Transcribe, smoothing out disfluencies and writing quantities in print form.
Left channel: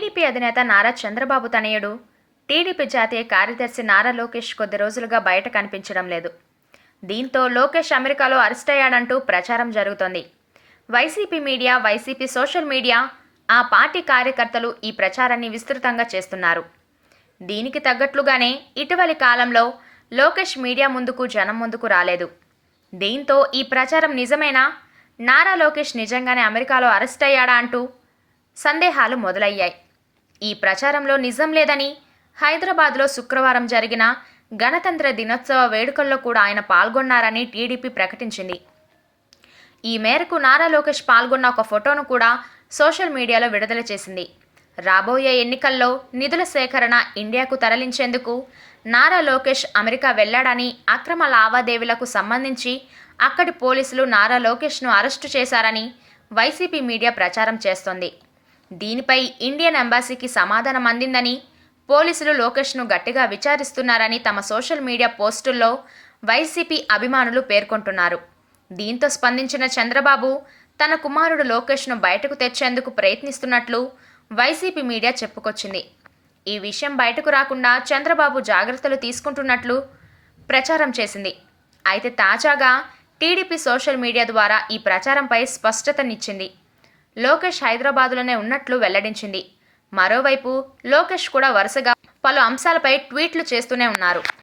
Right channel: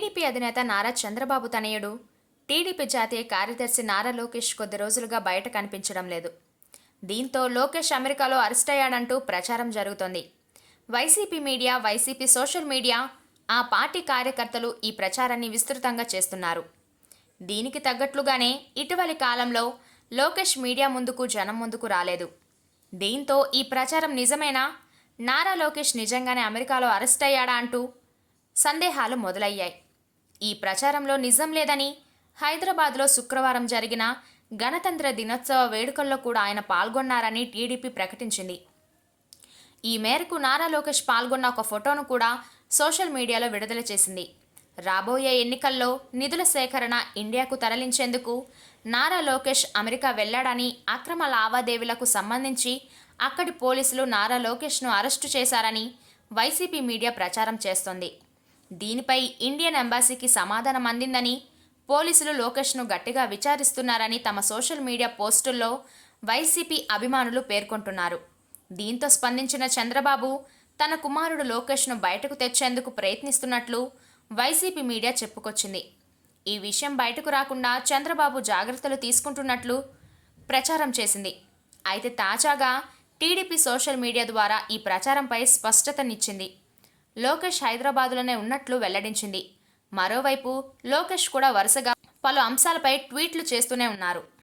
TDP అధినేత నారా చంద్రబాబు తనయుడు TDP జాతీయ కార్యదర్శి నారా లోకేష్ కొద్ది రోజులుగా బయట కనిపించడం లేదు. దీంతో లోకేష్ అమెరికాలో అరెస్ట్ అయ్యాడంటూ ప్రచారం జరుగుతోంది. YCP media, YCP social media, ఆ పార్టీ కార్యకర్తలు ఈ ప్రచారాన్ని విస్తృతంగా చేస్తున్నారు. దీనికి తగ్గట్లుగానే ఇటీవలి కాలంలో లోకేష్ మీడియా ముందుకు, జనం ముందుకు రాలేదు. దీంతో ఈ ప్రచారం నిజమేనా, నారా లోకేష్ నిజంగానే అమెరికాలో అరెస్ట్ అయ్యాడా అంటూ సందేహాలు మొదలయ్యాయి. ఈ ప్రచారంలో నిజం లేదని, హైదరాబాద్లో శుక్రవారం జరిగిన గణతంత్ర దినోత్సవ వేడుకల్లో కూడా ఆయన పాల్గొన్నారని టీడీపీ ప్రకటించింది. ఈ మేరకు నారా లోకేష్ పాల్గొన్న ఒక ఫోటోను కూడా సోషల్ మీడియాలో విడుదల చేసింది. రాబోయే ఎన్నికల్లో నిధుల సేకరణ ఇండియాకు తరలించేందుకు నారా లోకేష్ అమెరికా వెళ్లాడని, అక్రమ లావాదేవీలకు సంబంధించి అక్కడి పోలీసులు నారా లోకేష్ను అరెస్టు చేశారని వైసీపీ మీడియా ప్రచారం చేస్తోంది. దీనిపై ఇండియన్ ఎంబాసీకి సమాధానం అందిందని, పోలీసులు లోకేష్ను గట్టిగా విచారిస్తున్నారని తమ సోషల్ మీడియా పోస్టుల్లో వైసీపీ అభిమానులు పేర్కొంటున్నారు. దీంతో స్పందించిన చంద్రబాబు తన కుమారుడు లోకేష్ను బయటకు తెచ్చేందుకు ప్రయత్నిస్తున్నట్లు వైసీపీ మీడియా చెప్పుకొచ్చింది. ఈ విషయం బయటకు రాకుండా చంద్రబాబు జాగ్రత్తలు తీసుకుంటున్నట్లు ప్రచారం చేసింది. అయితే తాజాగా టీడీపీ సోషల్ మీడియా ద్వారా ఈ ప్రచారంపై స్పష్టతనిచ్చింది. లోకేష్ హైదరాబాద్లోనే ఉన్నట్లు వెల్లడించింది. మరోవైపు లోకేష్ కూడా వరుసగా పలు అంశాలపై ట్వీట్లు చేస్తూనే ఉన్నారు.